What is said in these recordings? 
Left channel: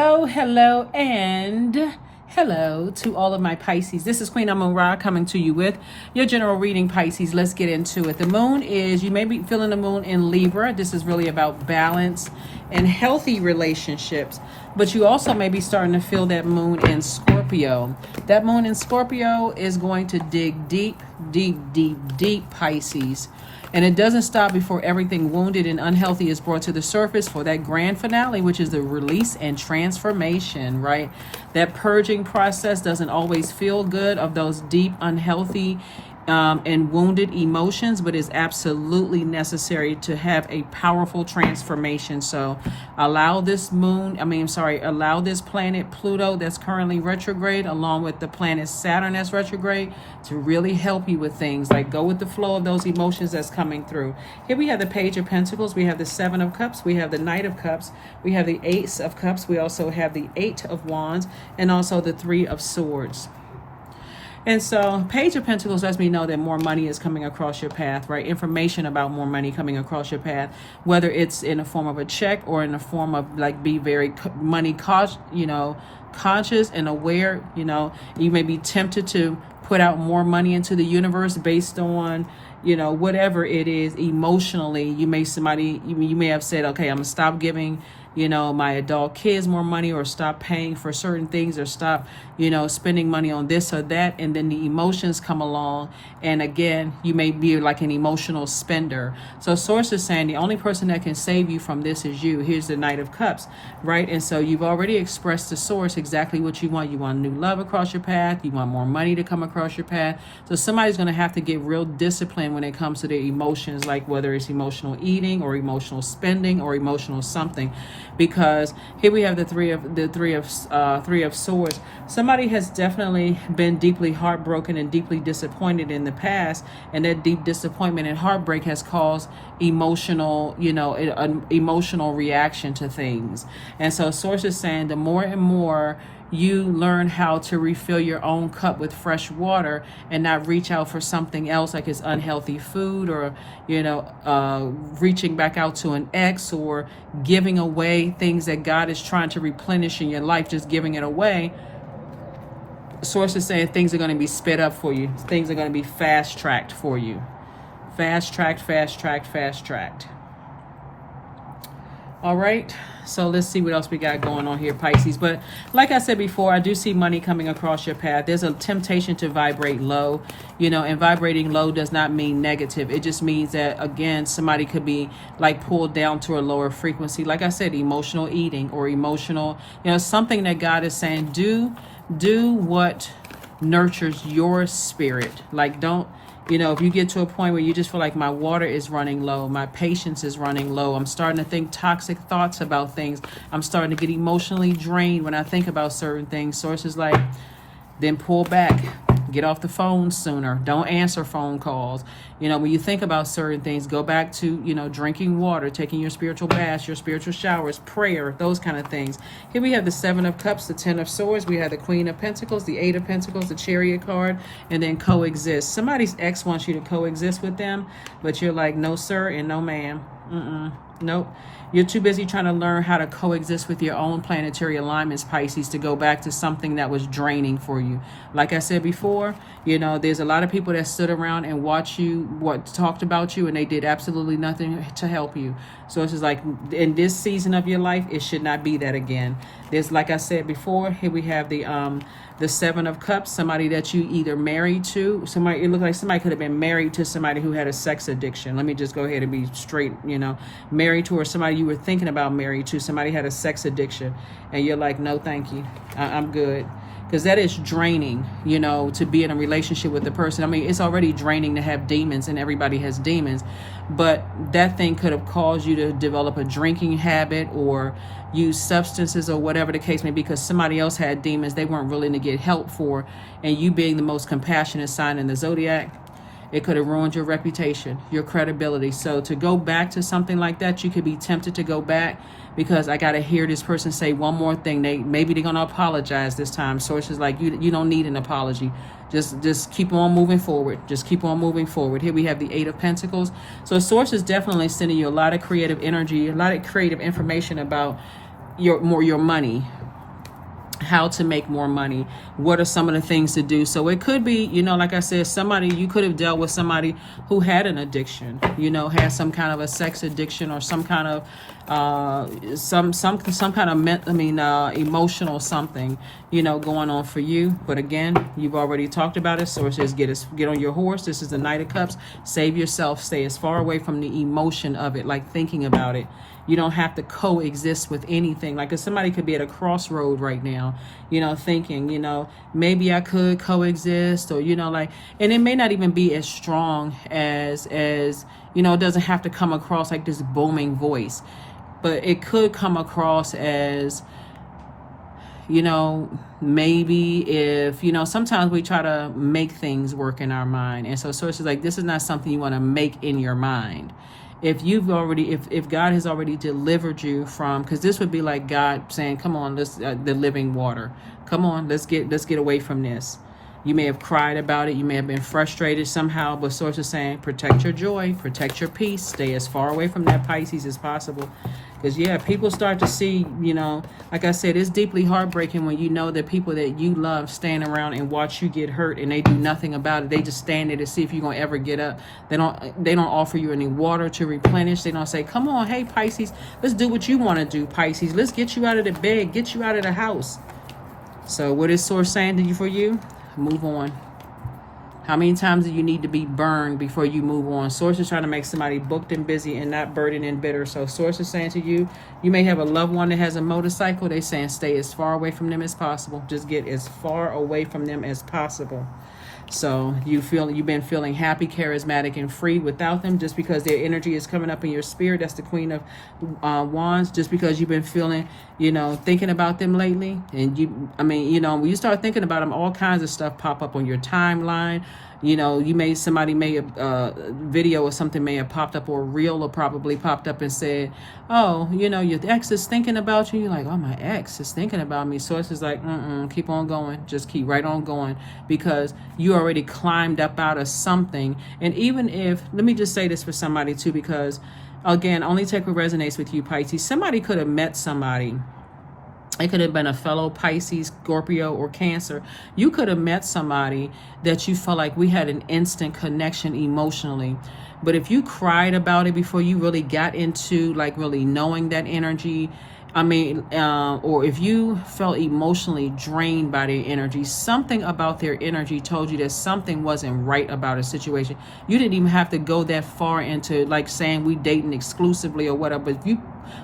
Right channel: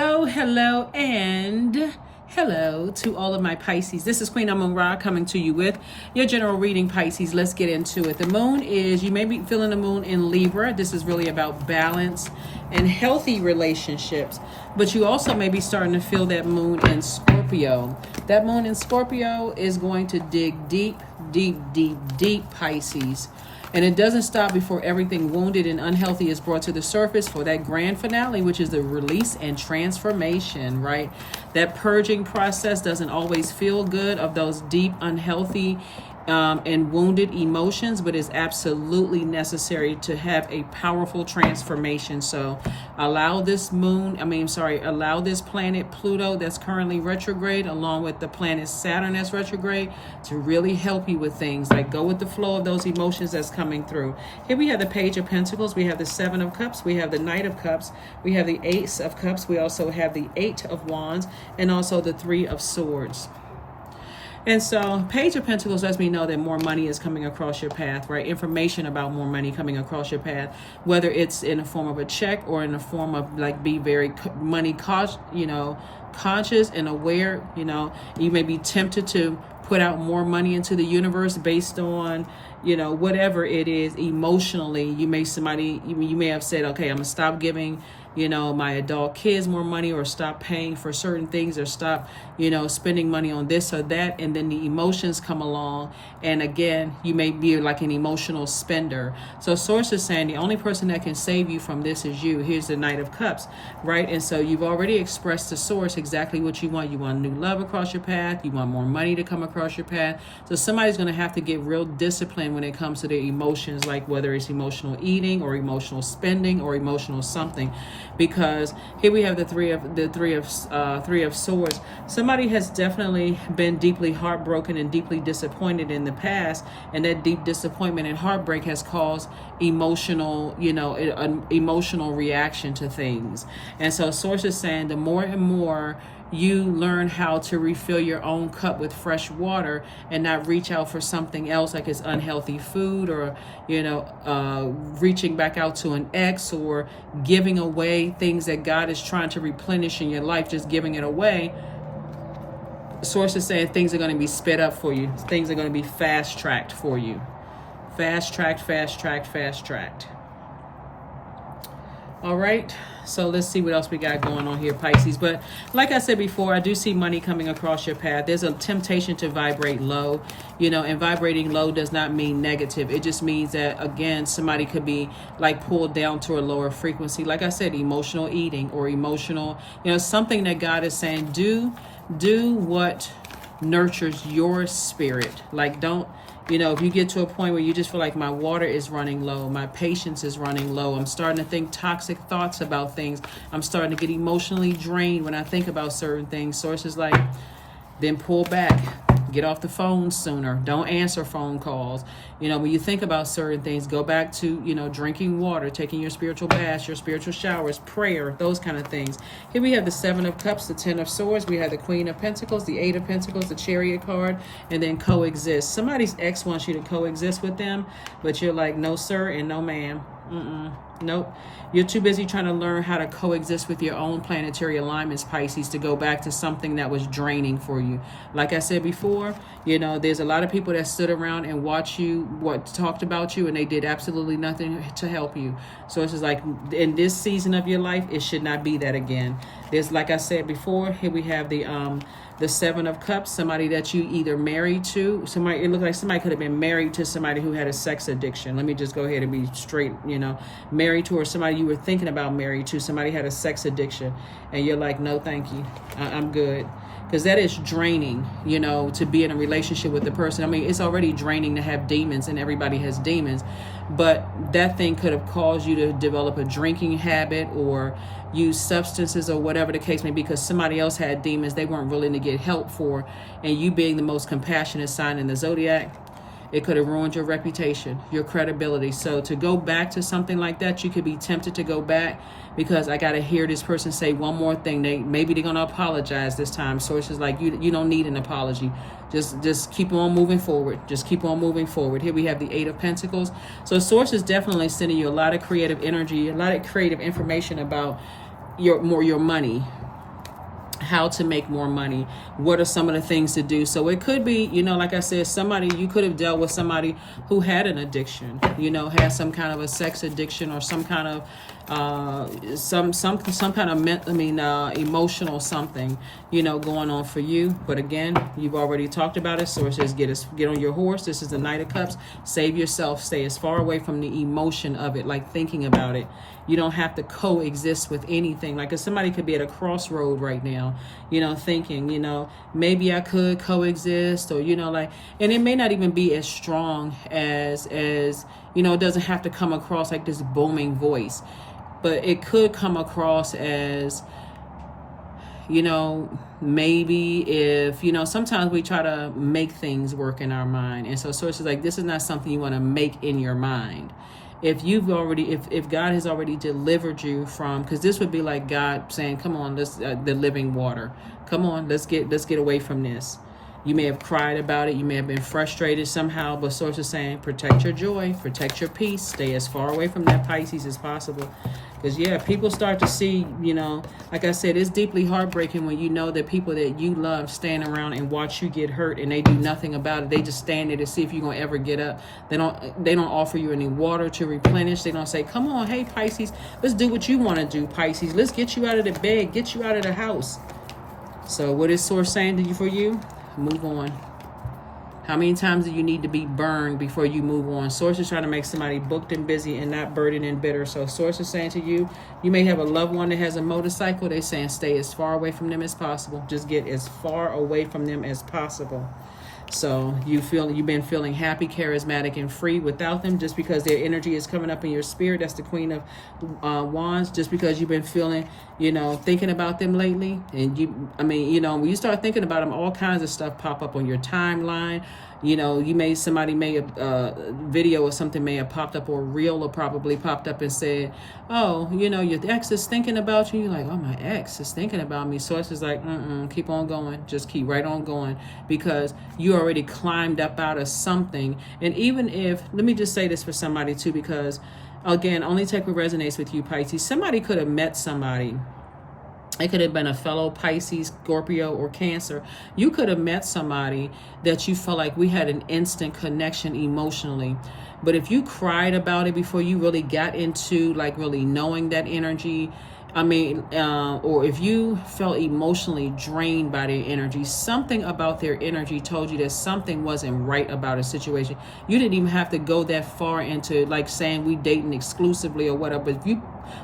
Hello, and hello to all of my Pisces. This is Queen Amun Ra coming to you with your general reading, Pisces. Let's get into it. The moon is, you may be feeling the moon in Libra. This is really about balance and healthy relationships. But you also may be starting to feel that moon in Scorpio. That moon in Scorpio is going to dig deep, Pisces. And it doesn't stop before everything wounded and unhealthy is brought to the surface for that grand finale, which is the release and transformation, right? That purging process doesn't always feel good of those deep, unhealthy, and wounded emotions, but is absolutely necessary to have a powerful transformation. So allow this allow this planet Pluto that's currently retrograde, along with the planet Saturn that's retrograde, to really help you with things. Like, go with the flow of those emotions that's coming through. Here we have the Page of Pentacles, we have the Seven of Cups, we have the Knight of Cups, we have the Ace of Cups, we also have the Eight of Wands, and also the Three of Swords. And so Page of Pentacles lets me know that more money is coming across your path, right? Information about more money coming across your path, whether it's in the form of a check or in the form of, like, be very money conscious and aware. You may be tempted to put out more money into the universe based on, whatever it is emotionally. You may have said, okay, I'm gonna stop giving my adult kids more money, or stop paying for certain things, or stop spending money on this or that, and then the emotions come along, and again you may be like an emotional spender. So source is saying the only person that can save you from this is you. Here's the Knight of Cups, right? And so you've already expressed to source exactly what you want. You want new love across your path, you want more money to come across your path. So somebody's going to have to get real disciplined when it comes to their emotions, like whether it's emotional eating or emotional spending or emotional something. Because here we have the three of swords. Somebody has definitely been deeply heartbroken and deeply disappointed in the past, and that deep disappointment and heartbreak has caused emotional reaction to things. And so source is saying the more and more you learn how to refill your own cup with fresh water and not reach out for something else, like it's unhealthy food, or reaching back out to an ex, or giving away things that God is trying to replenish in your life, just giving it away. Sources saying things are going to be sped up for you. Things are going to be fast-tracked for you. Fast-tracked. All right, so let's see what else we got going on here, Pisces. But like I said before, I do see money coming across your path. There's a temptation to vibrate low, and vibrating low does not mean negative. It just means that, again, somebody could be like pulled down to a lower frequency. Like I said, emotional eating, or emotional, something that God is saying, do what nurtures your spirit. Like, don't, if you get to a point where you just feel like my water is running low, my patience is running low, I'm starting to think toxic thoughts about things, I'm starting to get emotionally drained when I think about certain things. Sources like, then pull back, get off the phone sooner, don't answer phone calls. When you think about certain things, go back to, drinking water, taking your spiritual baths, your spiritual showers, prayer, those kind of things. Here we have the Seven of Cups, the Ten of Swords, we have the Queen of Pentacles, the Eight of Pentacles, the Chariot card, and then coexist. Somebody's ex wants you to coexist with them, but you're like, no sir and no ma'am. Nope. You're too busy trying to learn how to coexist with your own planetary alignments, Pisces, to go back to something that was draining for you. Like I said before, there's a lot of people that stood around and talked about you, and they did absolutely nothing to help you. So it's just like, in this season of your life, it should not be that again. There's, like I said before, here we have the Seven of Cups, somebody that you either married to, it looked like somebody could have been married to somebody who had a sex addiction. Let me just go ahead and be straight, married to, or somebody you were thinking about married to, somebody had a sex addiction, and you're like, no, thank you, I'm good. Because that is draining, to be in a relationship with the person. I mean, it's already draining to have demons, and everybody has demons, but that thing could have caused you to develop a drinking habit, or use substances, or whatever the case may be, because somebody else had demons they weren't willing to get help for, and you being the most compassionate sign in the Zodiac, it could have ruined your reputation, your credibility. So to go back to something like that, you could be tempted to go back, because I got to hear this person say one more thing. Maybe they're going to apologize this time. So it's just like, you don't need an apology. Just keep on moving forward. Just keep on moving forward. Here we have the Eight of Pentacles. So Source is definitely sending you a lot of creative energy, a lot of creative information about your money. how to make more money, what are some of the things to do. So it could be, you know, like I said, somebody, you could have dealt with somebody who had an addiction, you know, had some kind of a sex addiction, or some kind of some kind of emotional something, you know, going on for you. But again, you've already talked about it. So it says get on your horse. This is the Knight of Cups. Save yourself. Stay as far away from the emotion of it, like thinking about it. You don't have to coexist with anything. Like if somebody could be at a crossroad right now, you know, thinking, you know, maybe I could coexist, or, you know, like, and it may not even be as strong as, you know, it doesn't have to come across like this booming voice, but it could come across as, you know, maybe if, you know, sometimes we try to make things work in our mind. And so sources like, this is not something you want to make in your mind. If you've already, if God has already delivered you from, because this would be like God saying, come on, let's the living water, come on, let's get away from this. You may have cried about it, you may have been frustrated somehow, but source is saying, protect your joy, protect your peace, stay as far away from that Pisces as possible. Because yeah, people start to see, you know, like I said, it's deeply heartbreaking when you know that people that you love stand around and watch you get hurt, and they do nothing about it. They just stand there to see if you're gonna ever get up. They don't offer you any water to replenish. They don't say, come on, hey Pisces, let's do what you want to do, Pisces. Let's get you out of the bed, get you out of the house. So what is source saying to you for you? Move on. How many times do you need to be burned before you move on? Source is trying to make somebody booked and busy and not burdened and bitter. So source is saying to you, you may have a loved one that has a motorcycle. They're saying stay as far away from them as possible. Just get as far away from them as possible. So you've been feeling happy, charismatic, and free without them, just because their energy is coming up in your spirit. That's the Queen of Wands. Just because you've been feeling, you know, thinking about them lately, and you know, when you start thinking about them, all kinds of stuff pop up on your timeline. You know, somebody may have video or something may have popped up, or a reel or probably popped up and said, oh, you know, your ex is thinking about you. You're like, oh, my ex is thinking about me. Source is like, keep on going. Just keep right on going, because you already climbed up out of something. And even if, let me just say this for somebody too, because again, only take what resonates with you, Pisces. Somebody could have met somebody. It could have been a fellow Pisces, Scorpio, or Cancer. You could have met somebody that you felt like we had an instant connection emotionally. But if you cried about it before you really got into like really knowing that energy, or if you felt emotionally drained by their energy, something about their energy told you that something wasn't right about a situation. You didn't even have to go that far into like saying we dating exclusively or whatever. But if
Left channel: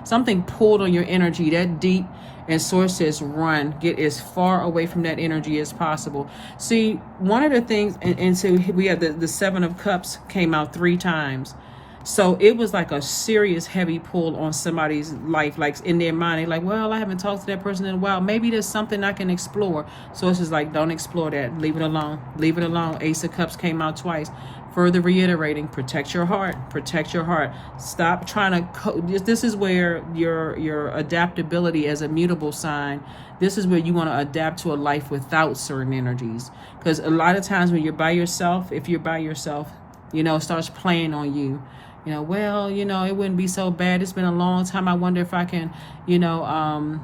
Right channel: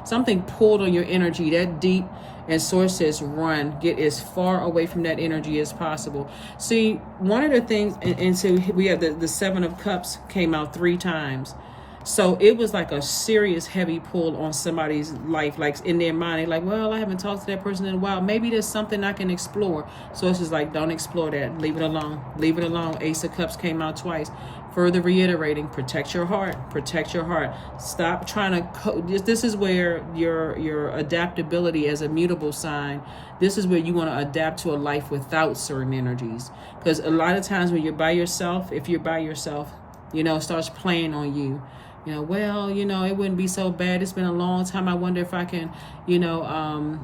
something pulled on your energy that deep, and source says run, get as far away from that energy as possible. See, one of the things, and so we have the Seven of Cups came out 3 times. So it was like a serious heavy pull on somebody's life, like in their mind. They're like, well, I haven't talked to that person in a while. Maybe there's something I can explore. So it's just like, don't explore that. Leave it alone. Leave it alone. Ace of Cups came out twice. Further reiterating, protect your heart. Protect your heart. Stop trying to, this is where your adaptability as a mutable sign, this is where you want to adapt to a life without certain energies. Because a lot of times when you're by yourself, if you're by yourself, you know, it starts playing on you. You know, well, you know, it wouldn't be so bad. It's been a long time. I wonder if I can, I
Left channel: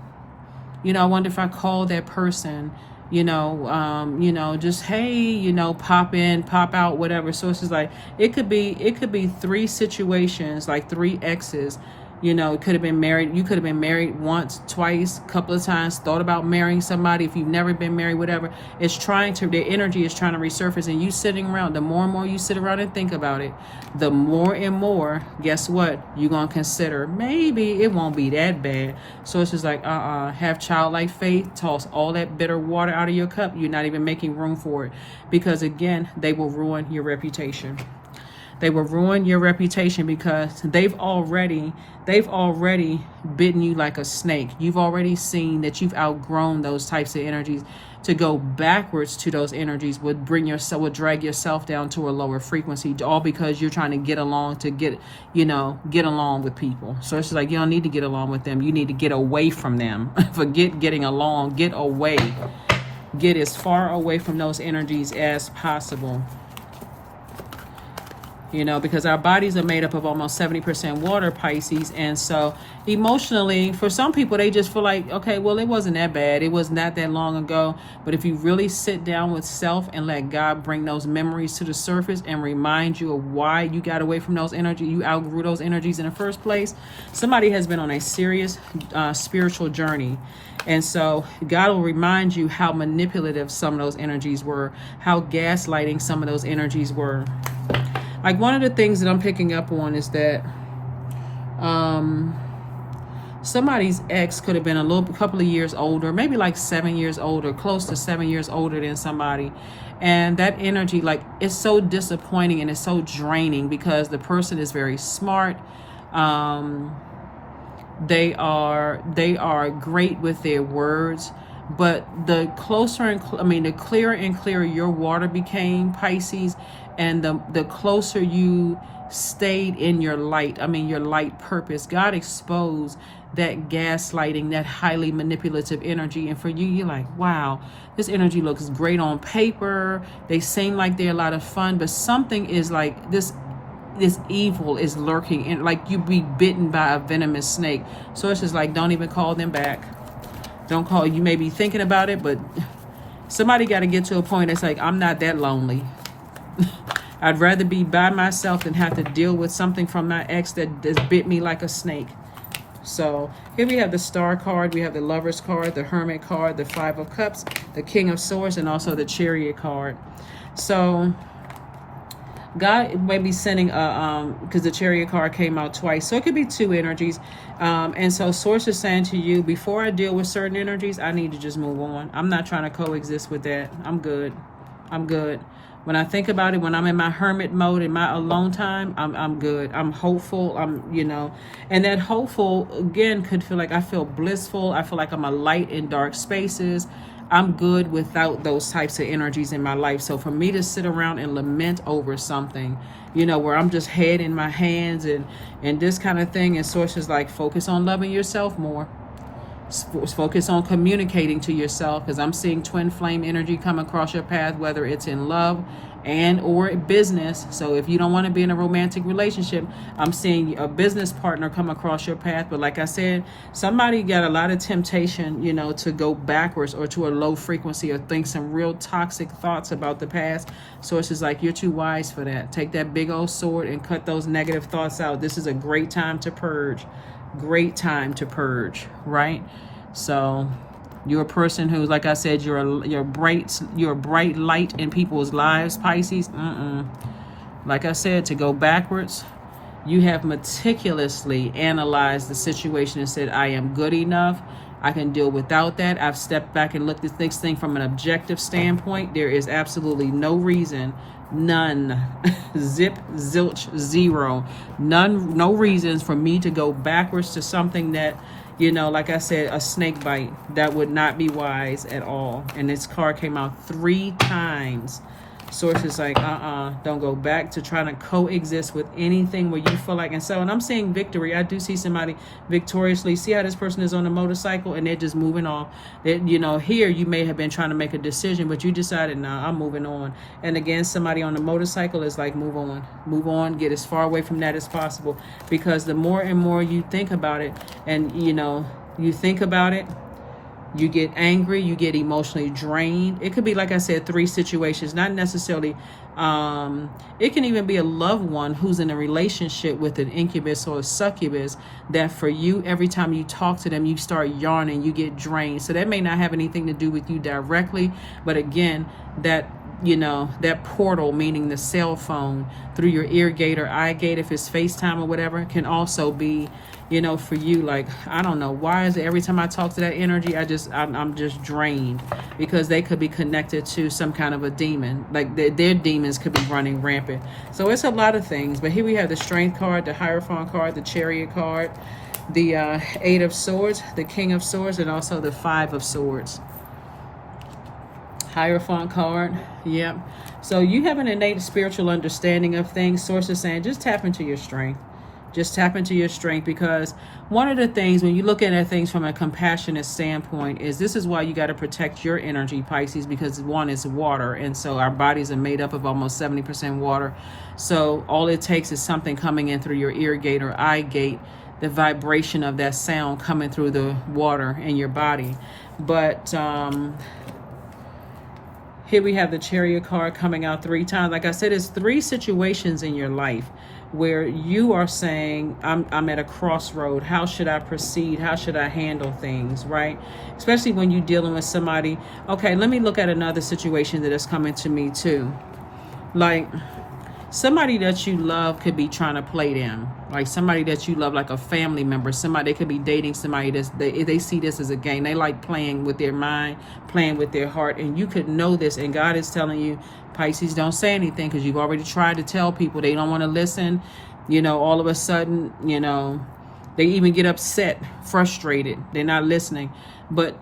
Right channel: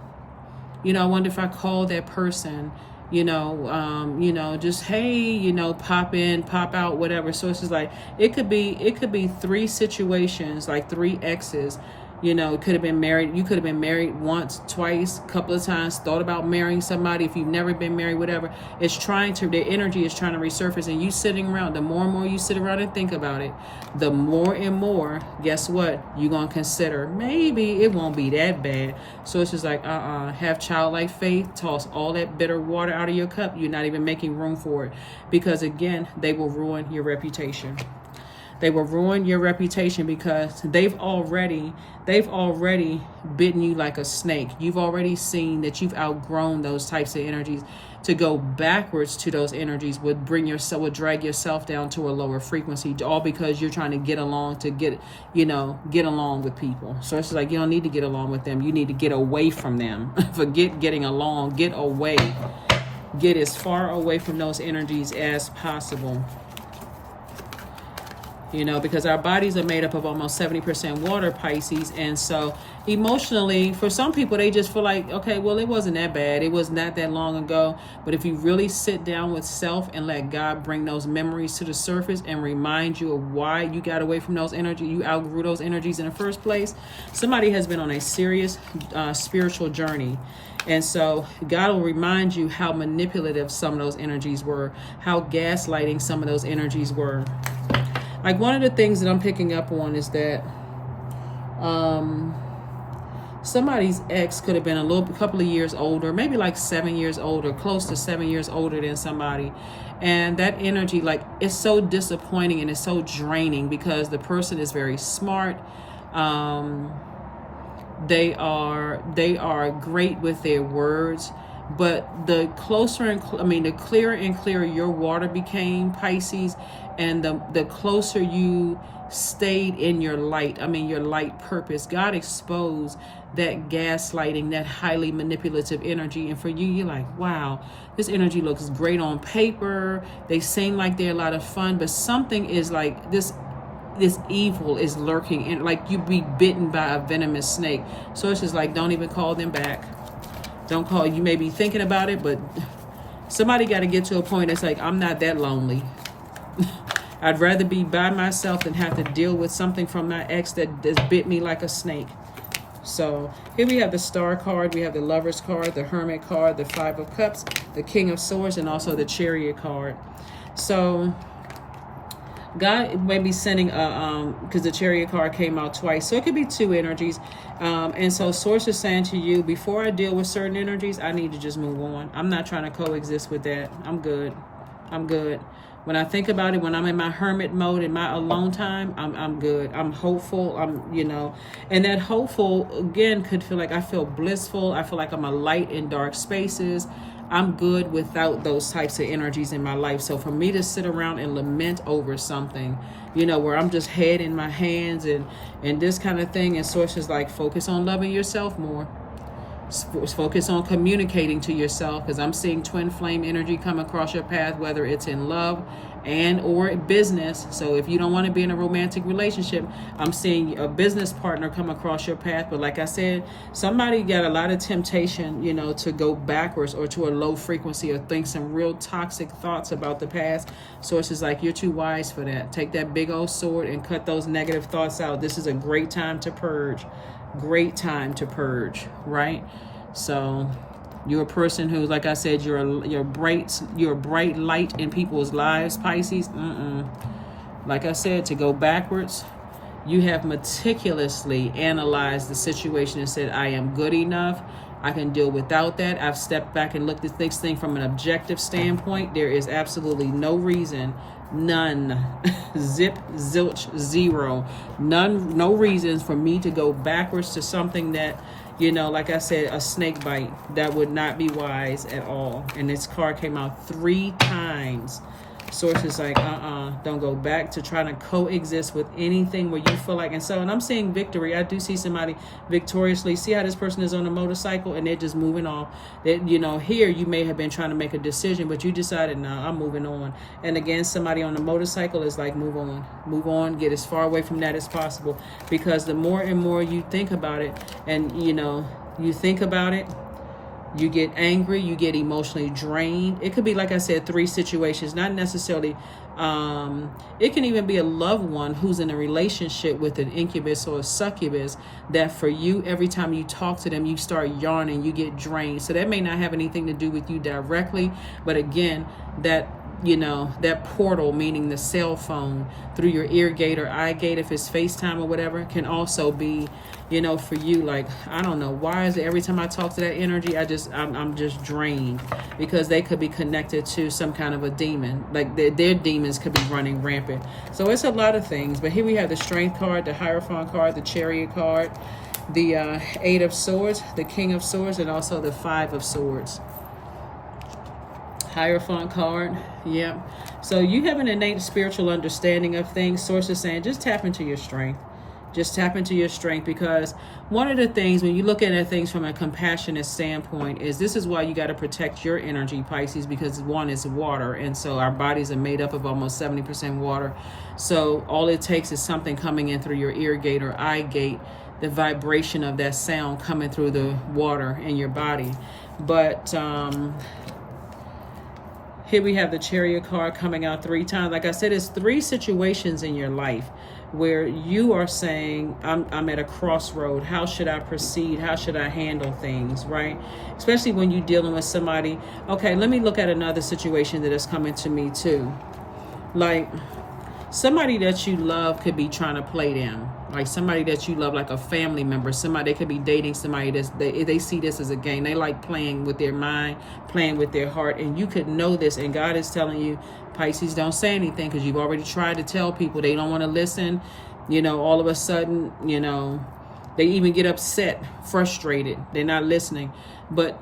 wonder if I call that person, just, hey, pop in, pop out, whatever. So it's just like, it could be 3 situations, like 3 exes. It could have been married. You could have been married once, twice, a couple of times, thought about marrying somebody. If you've never been married, whatever, their energy is trying to resurface, and you sitting around, the more and more you sit around and think about it, the more and more, guess what? You're going to consider, maybe it won't be that bad. So it's just like, have childlike faith, toss all that bitter water out of your cup. You're not even making room for it, because again, they will ruin your reputation. They will ruin your reputation because they've already bitten you like a snake. You've already seen that you've outgrown those types of energies. To go backwards to those energies would drag yourself down to a lower frequency, all because you're trying to get along with people. So it's like, you don't need to get along with them. You need to get away from them. Forget getting along. Get away. Get as far away from those energies as possible. Because our bodies are made up of almost 70% water, Pisces, and so emotionally, for some people, they just feel like, okay, well, it wasn't that bad. It was not that long ago. But if you really sit down with self and let God bring those memories to the surface and remind you of why you got away from those energies, you outgrew those energies in the first place, somebody has been on a serious spiritual journey. And so God will remind you how manipulative some of those energies were, how gaslighting some of those energies were. Like, one of the things that I'm picking up on is that somebody's ex could have been a couple of years older, maybe like 7 years older, close to 7 years older than somebody. And that energy, like, it's so disappointing and it's so draining because the person is very smart. They are great with their words, but the clearer and clearer your water became, Pisces, and the closer you stayed in your light, your light purpose, God exposed that gaslighting, that highly manipulative energy. And for you, you're like, wow, this energy looks great on paper. They seem like they're a lot of fun, but something is like this evil is lurking, and like you be bitten by a venomous snake. So it's just like, don't even call them back. Don't call. You may be thinking about it, but somebody got to get to a point. It's like, I'm not that lonely. I'd rather be by myself than have to deal with something from my ex that bit me like a snake. So here we have the Star card, we have the Lover's card, the Hermit card, the Five of Cups, the King of Swords, and also the Chariot card. So God may be sending because the Chariot card came out twice, so it could be two energies. And so Source is saying to you, before I deal with certain energies, I need to just move on. I'm not trying to coexist with that. I'm good. When I think about it, when I'm in my hermit mode, in my alone time, I'm good. I'm hopeful. And that hopeful, again, could feel like I feel blissful. I feel like I'm a light in dark spaces. I'm good without those types of energies in my life. So for me to sit around and lament over something, where I'm just head in my hands and this kind of thing, and Source is like, focus on loving yourself more. Focus on communicating to yourself, because I'm seeing twin flame energy come across your path, whether it's in love and or business. So if you don't want to be in a romantic relationship, I'm seeing a business partner come across your path. But like I said, somebody got a lot of temptation, to go backwards or to a low frequency or think some real toxic thoughts about the past. So it's just like, you're too wise for that. Take that big old sword and cut those negative thoughts out. This is a great time to purge. Great time to purge, right? So you're a person who, like I said, you're a bright light in people's lives, Pisces. Like I said, to go backwards, you have meticulously analyzed the situation and said, I am good enough. I can deal without that. I've stepped back and looked at this thing from an objective standpoint. There is absolutely no reason, none, zip, zilch, zero, none, no reasons for me to go backwards to something that, like I said, a snake bite. That would not be wise at all. And this card came out 3 times. Source is like, don't go back to trying to coexist with anything where you feel like. And I'm seeing victory. I do see somebody victoriously. See how this person is on a motorcycle and they're just moving on. That, here you may have been trying to make a decision, but you decided, nah, I'm moving on. And again, somebody on the motorcycle is like, move on, get as far away from that as possible. Because the more and more you think about it, and you think about it, you get angry, you get emotionally drained. It could be, like I said, 3 situations, not necessarily. It can even be a loved one who's in a relationship with an incubus or a succubus, that for you, every time you talk to them, you start yarning, you get drained. So that may not have anything to do with you directly, but again, that portal, meaning the cell phone, through your ear gate or eye gate, if it's FaceTime or whatever, can also be, for you, like, I don't know, why is it every time I talk to that energy, I'm just drained? Because they could be connected to some kind of a demon, like their demons could be running rampant. So it's a lot of things. But here we have the Strength card, the Hierophant card, the Chariot card, the 8 of Swords, the King of Swords, and also the 5 of Swords. Hierophant card, yeah. So you have an innate spiritual understanding of things. Source is saying, just tap into your strength. Just tap into your strength, because one of the things when you look at things from a compassionate standpoint is this is why you got to protect your energy, Pisces, because one is water, and so our bodies are made up of almost 70% water. So all it takes is something coming in through your ear gate or eye gate the vibration of that sound coming through the water in your body. But here we have the Chariot card coming out 3 times. Like I said, it's 3 situations in your life where you are saying, I'm at a crossroad. How should I proceed? How should I handle things, right? Especially when you're dealing with somebody. Okay, let me look at another situation that is coming to me too. Like, somebody that you love could be trying to play them. Like somebody that you love, like a family member, somebody, they could be dating somebody that's, they see this as a game. They like playing with their mind, playing with their heart, and you could know this, and God is telling you, Pisces, don't say anything, because you've already tried to tell people. They don't want to listen. You know, all of a sudden, you know, they even get upset, frustrated. They're not listening. But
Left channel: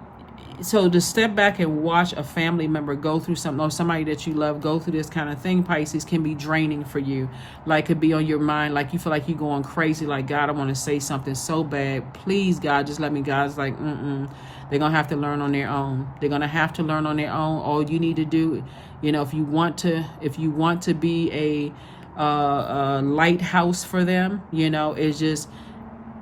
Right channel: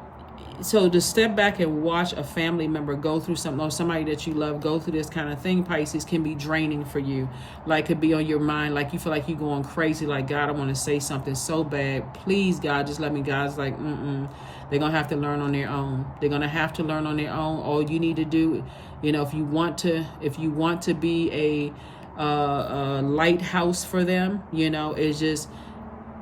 so to step back and watch a family member go through something, or somebody that you love go through this kind of thing, Pisces, can be draining for you. Like, could be on your mind, like you feel like you're going crazy, like, God, I want to say something so bad. Please, God, just let me. God's like, they're going to have to learn on their own. They're going to have to learn on their own. All you need to do, you know, if you want to be a lighthouse for them, you know, is just,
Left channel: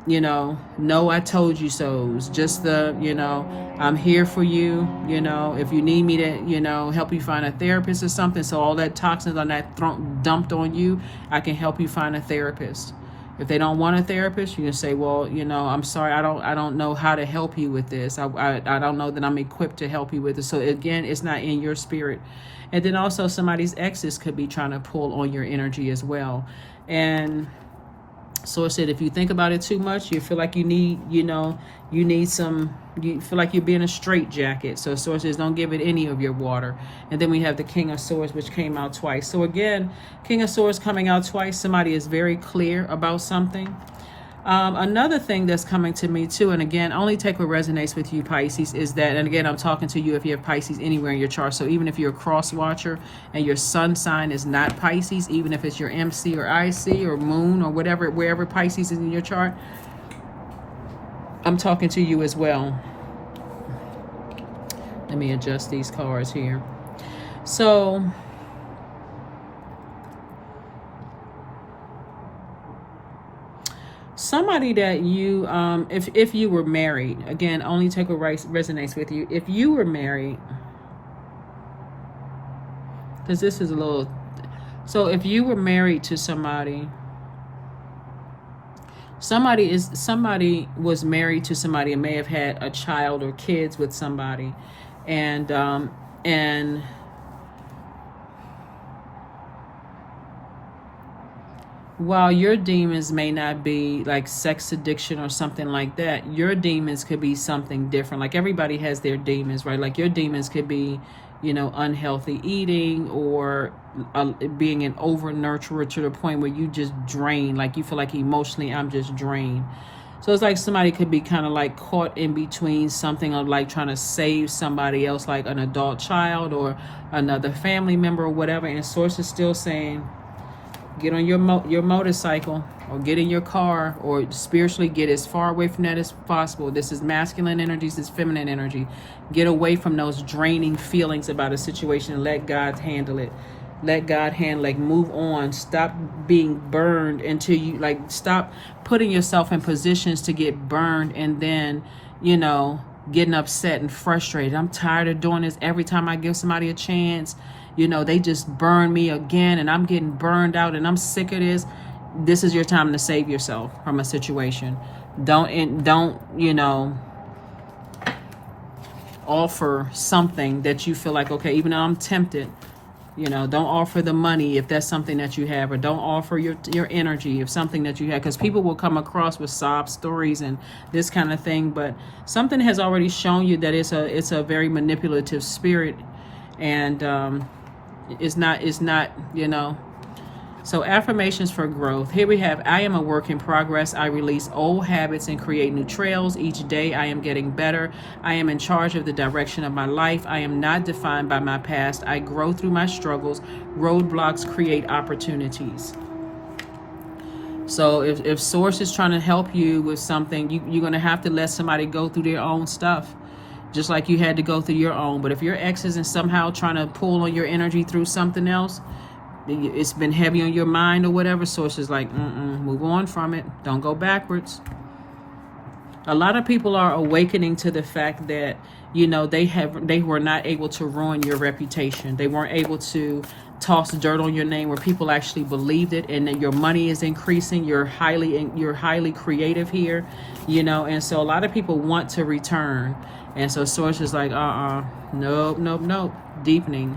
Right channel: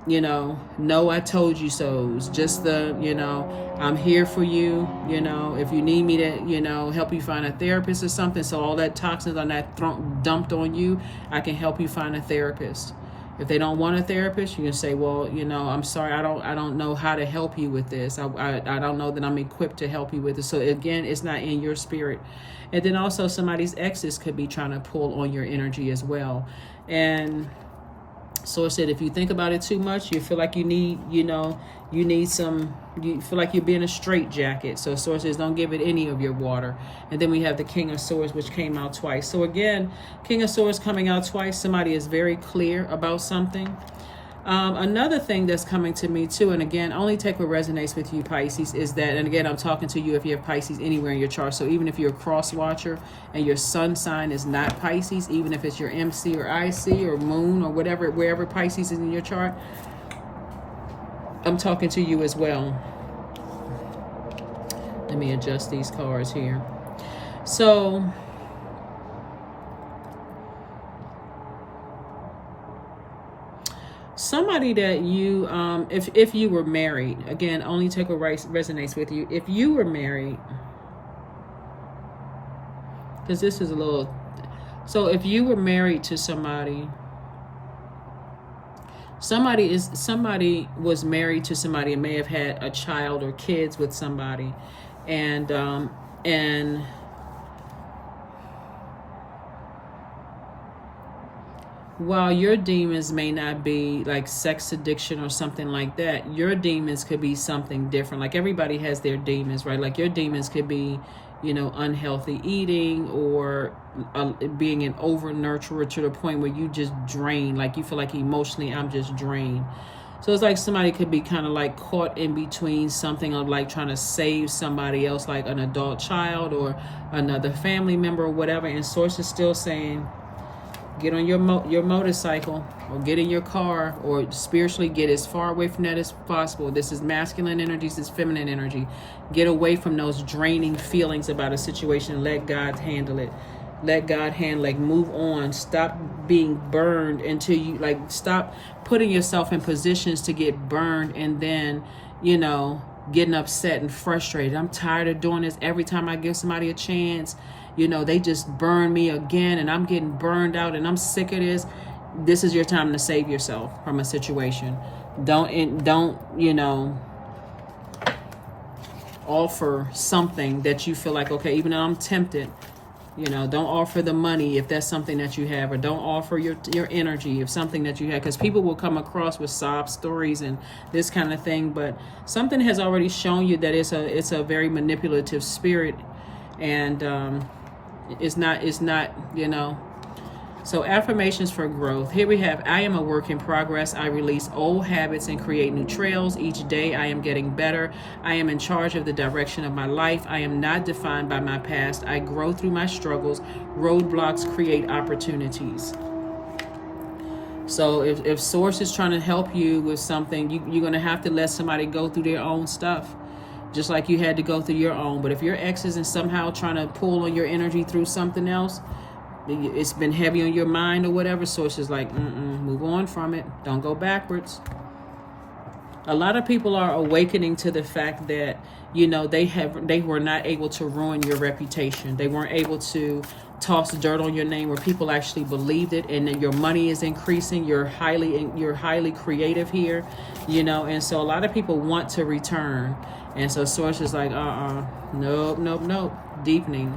you know, no, I told you so. It's just the, you know, I'm here for you, you know, if you need me to, you know, help you find a therapist or something. So all that toxins on that dumped on you, I can help you find a therapist. If they don't want a therapist, you can say, well, you know, I'm sorry, I don't know how to help you with this. I don't know that I'm equipped to help you with it. So again, it's not in your spirit. And then also somebody's exes could be trying to pull on your energy as well. And so I said, if you think about it too much, you feel like you need, you know, you feel like you're being a straitjacket. So Source says, don't give it any of your water. And then we have the King of Swords, which came out twice. So again, King of Swords coming out twice. Somebody is very clear about something. Another thing that's coming to me too, and again, only take what resonates with you, Pisces, is that, and again, I'm talking to you if you have Pisces anywhere in your chart. So even if you're a cross watcher and your sun sign is not Pisces, even if it's your MC or IC or moon or whatever, wherever Pisces is in your chart, I'm talking to you as well. Let me adjust these cards here. So somebody that you, if you were married, again, only take what resonates with you. If you were married, because this is a little, so if you were married to somebody, somebody was married to somebody and may have had a child or kids with somebody, and while your demons may not be like sex addiction or something like that, your demons could be something different. Like everybody has their demons, right? Like your demons could be, you know, unhealthy eating, or being an over nurturer to the point where you just drain, like you feel like emotionally I'm just drained. So it's like somebody could be kind of like caught in between something of like trying to save somebody else, like an adult child or another family member or whatever, and Source is still saying, get on your motorcycle, or get in your car, or spiritually get as far away from that as possible. This is masculine energy, this is feminine energy. Get away from those draining feelings about a situation and let God handle it. Let God handle it. Move on. Stop being burned until you, like, stop putting yourself in positions to get burned and then, you know, getting upset and frustrated. I'm tired of doing this. Every time I give somebody a chance, you know, they just burn me again, and I'm getting burned out, and I'm sick of this. This is your time to save yourself from a situation. Don't, you know, offer something that you feel like, okay, even though I'm tempted, you know, don't offer the money if that's something that you have, or don't offer your energy if something that you have, because people will come across with sob stories and this kind of thing, but something has already shown you that it's a very manipulative spirit, and it's not, you know. So affirmations for growth. Here we have, I am a work in progress. I release old habits and create new trails. Each day I am getting better. I am in charge of the direction of my life. I am not defined by my past. I grow through my struggles. Roadblocks create opportunities. So if Source is trying to help you with something, you're going to have to let somebody go through their own stuff, just like you had to go through your own. But if your ex isn't somehow trying to pull on your energy through something else, it's been heavy on your mind or whatever, Source is like, move on from it. Don't go backwards. A lot of people are awakening to the fact that, you know, they were not able to ruin your reputation. They weren't able to toss dirt on your name where people actually believed it, and that your money is increasing. You're highly creative here, you know, and so a lot of people want to return. And so Source is like, nope, deepening.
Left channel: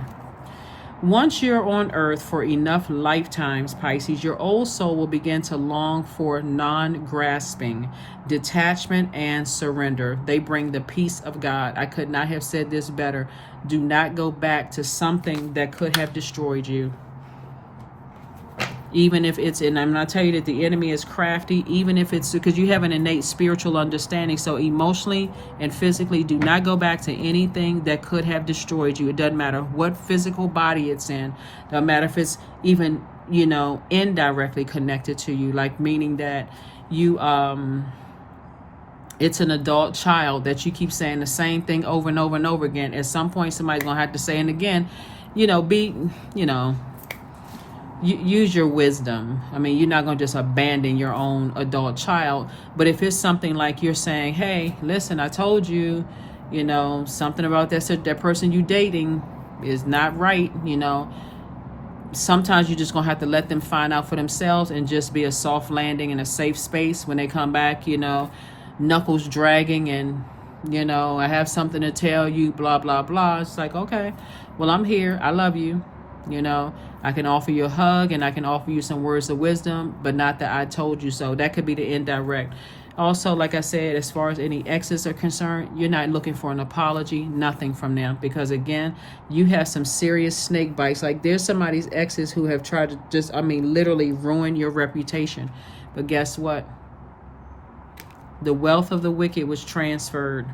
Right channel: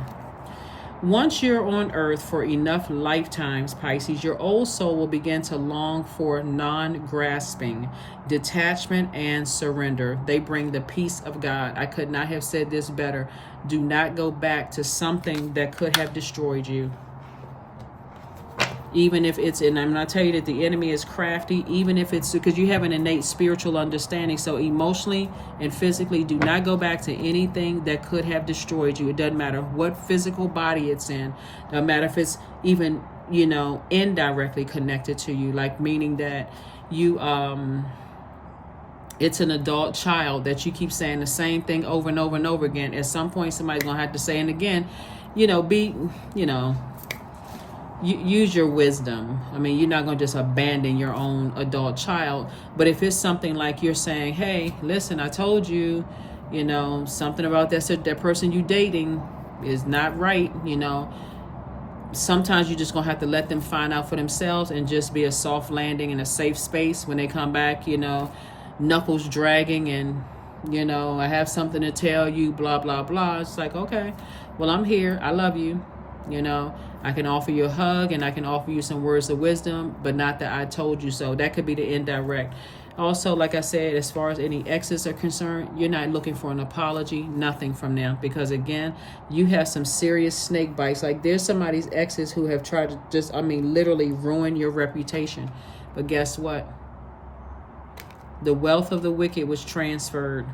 Once you're on earth for enough lifetimes, Pisces, your old soul will begin to long for non-grasping, detachment, and surrender. They bring the peace of God. I could not have said this better. Do not go back to something that could have destroyed you. Even if it's, and I'm going to tell you that the enemy is crafty, even if it's because you have an innate spiritual understanding. So emotionally and physically, do not go back to anything that could have destroyed you. It doesn't matter what physical body it's in. It doesn't matter if it's even, you know, indirectly connected to you, like meaning that you, it's an adult child that you keep saying the same thing over and over and over again. At some point, somebody's going to have to say it again, you know, use your wisdom. I mean, you're not going to just abandon your own adult child. But if it's something like you're saying, hey, listen, I told you, you know, something about that person you dating is not right, you know, sometimes you're just going to have to let them find out for themselves and just be a soft landing in a safe space when they come back, you know, knuckles dragging and, you know, I have something to tell you, blah, blah, blah. It's like, okay, well, I'm here. I love you. You know, I can offer you a hug and I can offer you some words of wisdom, but not that I told you so. That could be the indirect. Also, like I said, as far as any exes are concerned, you're not looking for an apology, nothing from them. Because again, you have some serious snake bites. Like there's somebody's exes who have tried to just, I mean, literally ruin your reputation. But guess what? The wealth of the wicked was transferred.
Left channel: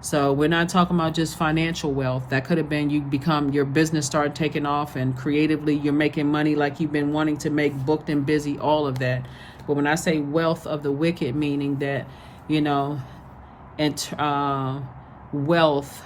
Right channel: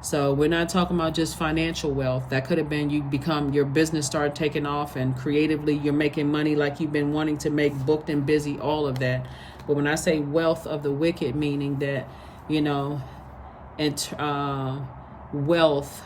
So we're not talking about just financial wealth. That could have been your business started taking off and creatively you're making money like you've been wanting to make, booked and busy, all of that. But when I say wealth of the wicked, meaning that, you know, and wealth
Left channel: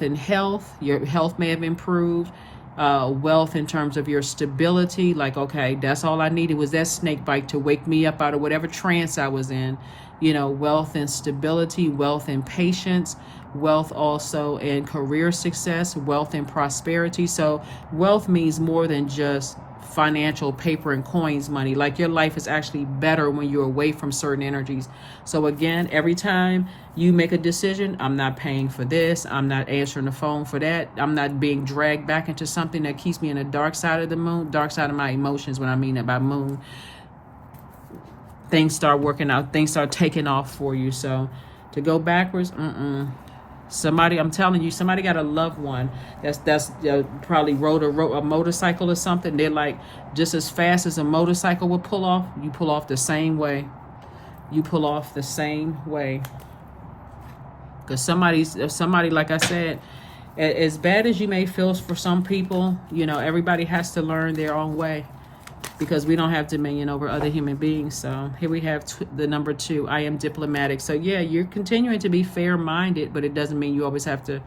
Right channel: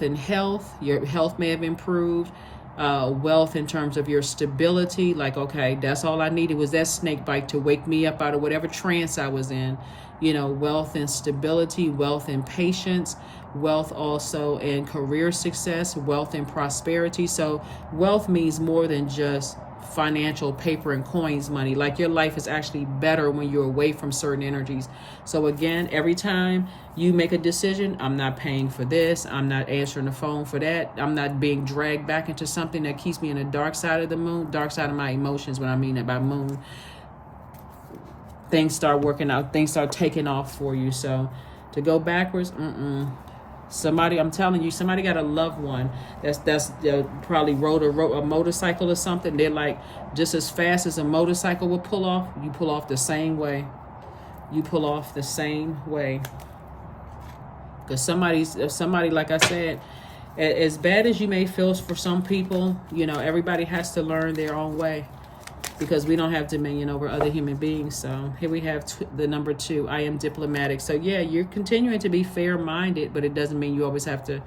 in health, your health may have improved, wealth in terms of your stability, like, okay, that's all I needed was that snake bite to wake me up out of whatever trance I was in. You know, wealth and stability, wealth and patience, wealth also in career success, wealth and prosperity. So wealth means more than just financial paper and coins money. Like your life is actually better when you're away from certain energies. So again, every time you make a decision, I'm not paying for this, I'm not answering the phone for that, I'm not being dragged back into something that keeps me in the dark side of the moon, dark side of my emotions when I mean that by moon. Things start working out, things start taking off for you. So to go backwards, somebody, I'm telling you, somebody got a loved one that's probably rode a motorcycle or something. They're like, just as fast as a motorcycle will pull off, you pull off the same way. You pull off the same way. Because somebody, like I said, as bad as you may feel for some people, you know, everybody has to learn their own way. Because we don't have dominion over other human beings. So here we have the number 2. I am diplomatic. So yeah, you're continuing to be fair-minded, but it doesn't mean you always have to,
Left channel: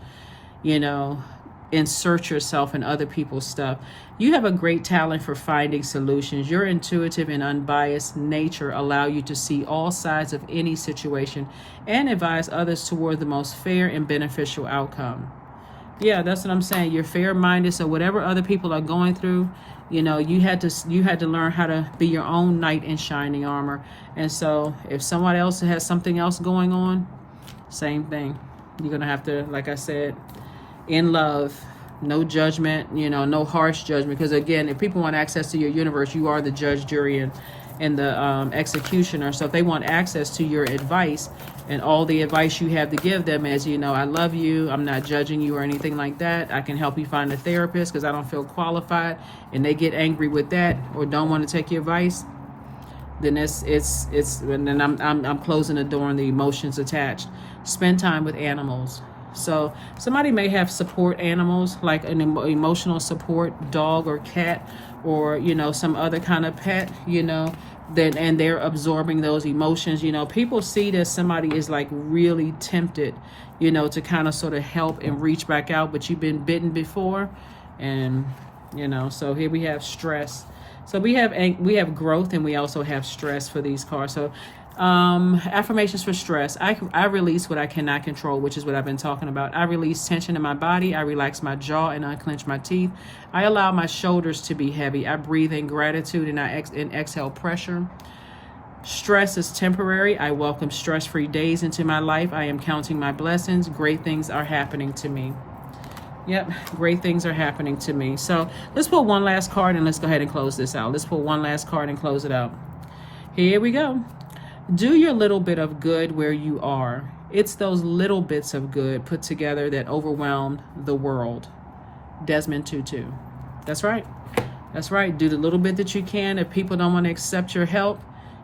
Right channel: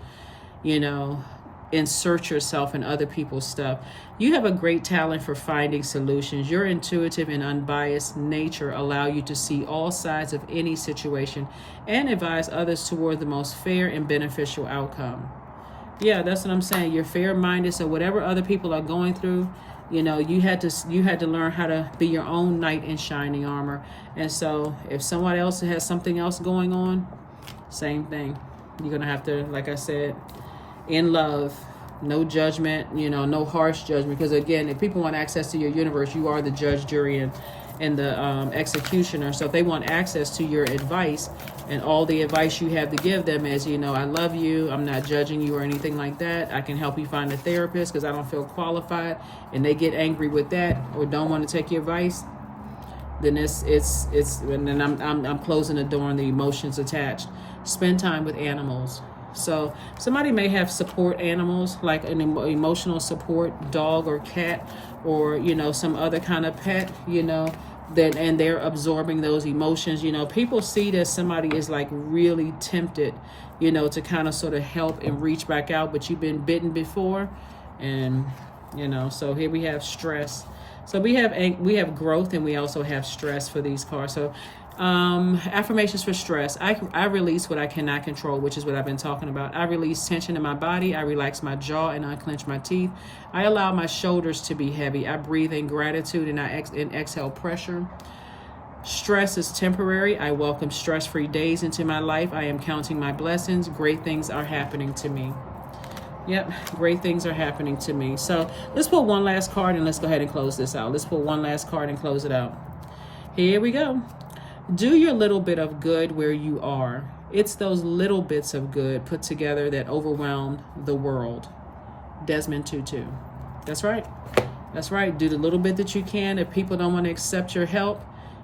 you know, insert yourself in other people's stuff. You have a great talent for finding solutions. Your intuitive and unbiased nature allow you to see all sides of any situation and advise others toward the most fair and beneficial outcome. Yeah, that's what I'm saying. You're fair-minded, so whatever other people are going through, you know, you had to learn how to be your own knight in shining armor. And so if someone else has something else going on, same thing. You're going to have to, like I said, in love, no judgment, you know, no harsh judgment. Because again, if people want access to your universe, you are the judge, jury, and the executioner. So if they want access to your advice, and all the advice you have to give them is, you know, I love you, I'm not judging you or anything like that, I can help you find a therapist because I don't feel qualified, and they get angry with that or don't want to take your advice, then and then I'm closing the door on the emotions attached. Spend time with animals. So somebody may have support animals, like an emotional support dog or cat, or, you know, some other kind of pet, you know, and they're absorbing those emotions. You know, people see that somebody is like really tempted, you know, to kind of sort of help and reach back out, but you've been bitten before. And, you know, so here we have stress. So we have growth, and we also have stress for these cards. So Affirmations for stress. I release what I cannot control, which is what I've been talking about. I release tension in my body. I relax my jaw and unclench my teeth. I allow my shoulders to be heavy. I breathe in gratitude and I exhale pressure. Stress is temporary. I welcome stress-free days into my life. I am counting my blessings. Great things are happening to me. Yep, great things are happening to me. So let's pull one last card and let's go ahead and close this out. Let's pull one last card and close it out. Here we go. Do your little bit of good where you are. It's those little bits of good put together that overwhelm the world. Desmond Tutu. That's right. That's right. Do the little bit that you can. If people don't want to accept your help,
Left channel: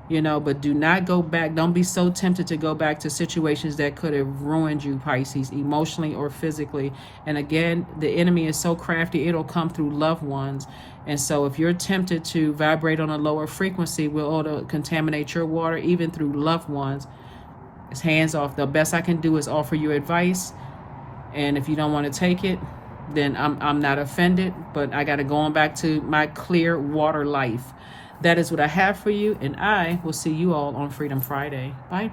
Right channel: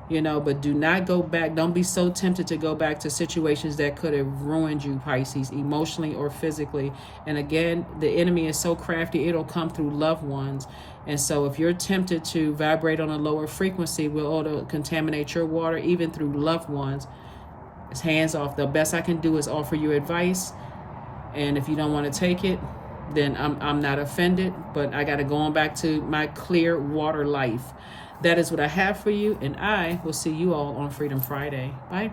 but do not go back. Don't be so tempted to go back to situations that could have ruined you, Pisces, emotionally or physically. And again, the enemy is so crafty, it'll come through loved ones. And so if you're tempted to vibrate on a lower frequency, will contaminate your water, even through loved ones. It's hands off. The best I can do is offer you advice. And if you don't want to take it, then I'm not offended. But I got to go on back to my clear water life. That is what I have for you, and I will see you all on Freedom Friday. Bye.